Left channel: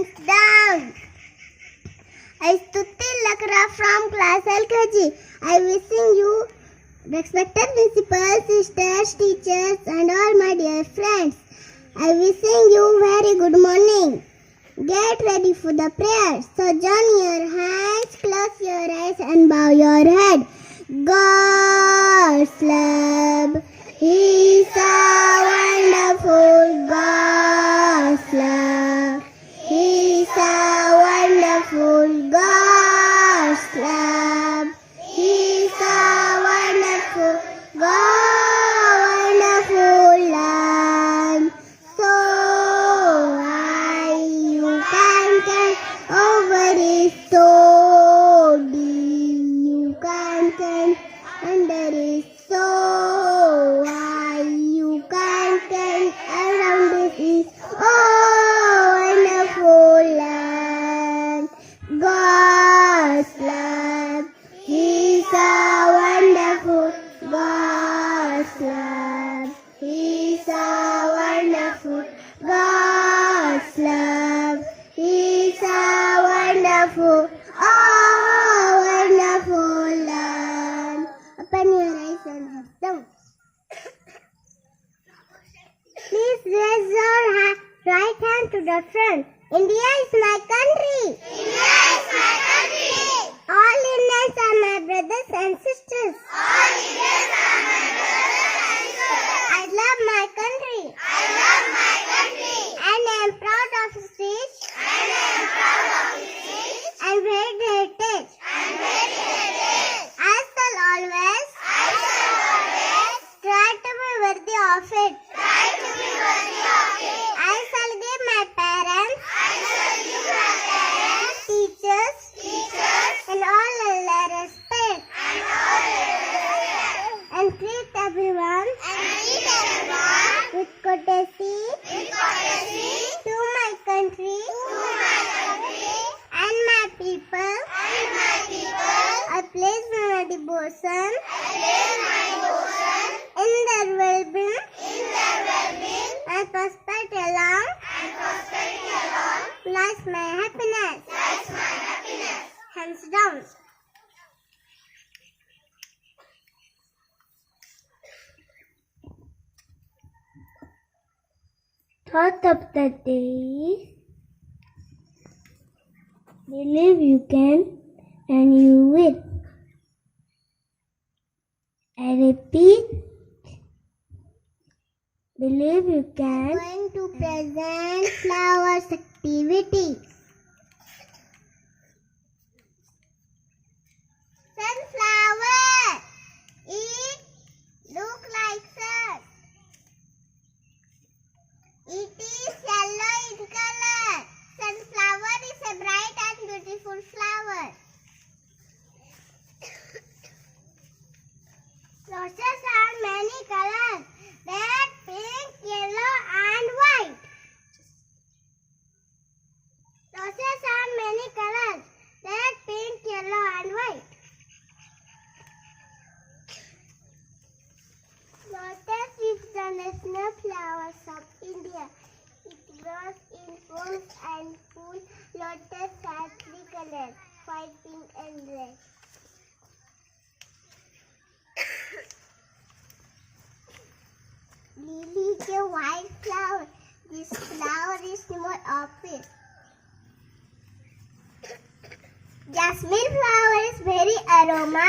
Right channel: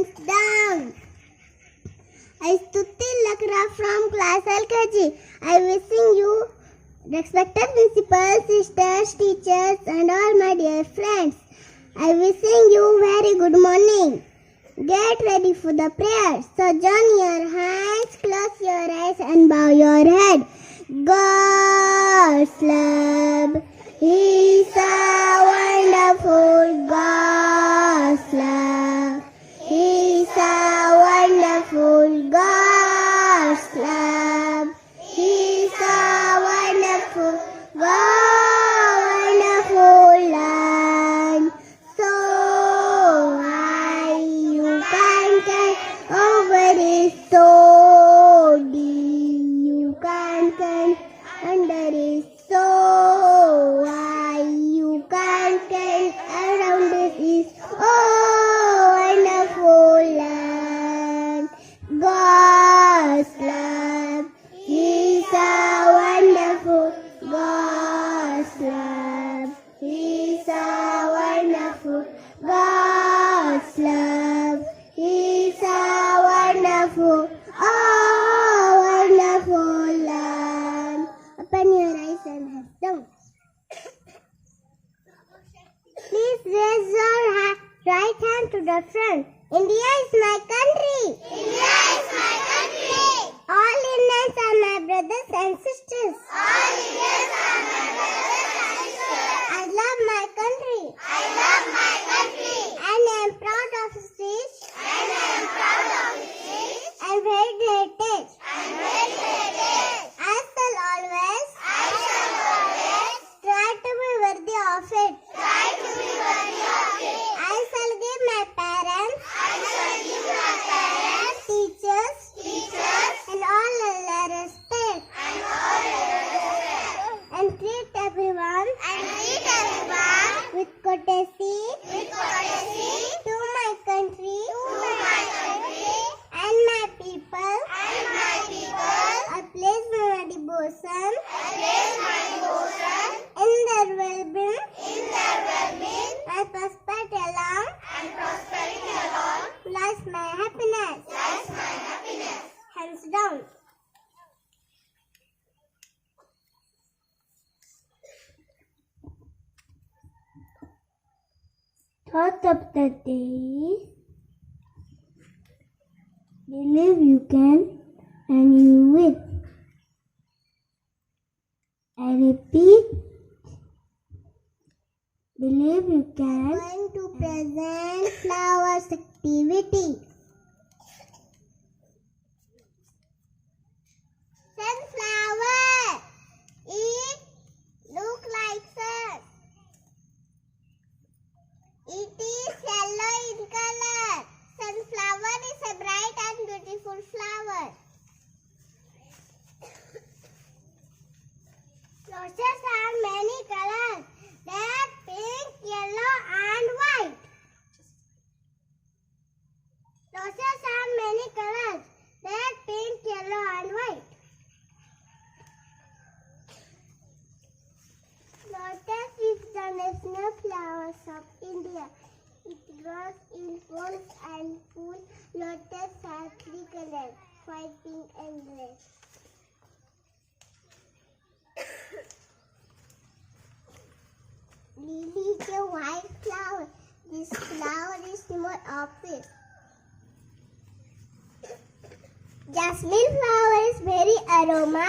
hands down. I Stuti Lakra from class LKG. I wishing you respected principals, sisters, teachers and all my dear friends. I wishing you very good morning. Get ready for the prayer. So join your hands, close your eyes and bow your head. God's love is a wonderful God's love. He's a wonderful God's love. He's a wonderful wonderful land. So high you can climb over his so deep you can climb under his so high you can climb around his wonderful land. God's love is a wonderful God's love. He's a wonderful God's love. He's a wonderful, wonderful land. Open your eyes and head down. Please raise your right hand to the front. India is my country. India is my country. All Indians are my brothers and sisters. All Indians are my brothers and sisters. I love my country. I love my country. And I am proud of its rich. And I am proud of its rich. And varied heritage. And varied heritage. I shall always try to be worthy of it. Try to be worthy of it. I shall give my parents. I shall give my parents. Teachers. Teachers. And all their respect. And all their respect. And treat everyone. And treat everyone. With courtesy. With courtesy. To my country. To my country. And my people. And my people. I place my devotion. I place my devotion. In their well-being. In their well-being. And prosperity along. And prosperity along. Lies my happiness. Lies my happiness. Hands down. Thought of the day. Believe you can and you will. I repeat. Believe you can. Going to present flowers activity. Sunflower. It look like sun. It is yellow in color. Sunflower is a bright and beautiful flower. Roses are many colors. Red, pink, yellow and white. Roses are many colors. Red, pink, yellow and white. Lotus is the national flowers of India. It grows in ponds and pools. Lotus has three colors, white, pink and red. Lily is a white flower. This flower is more obvious. Jasmine flower is very aroma.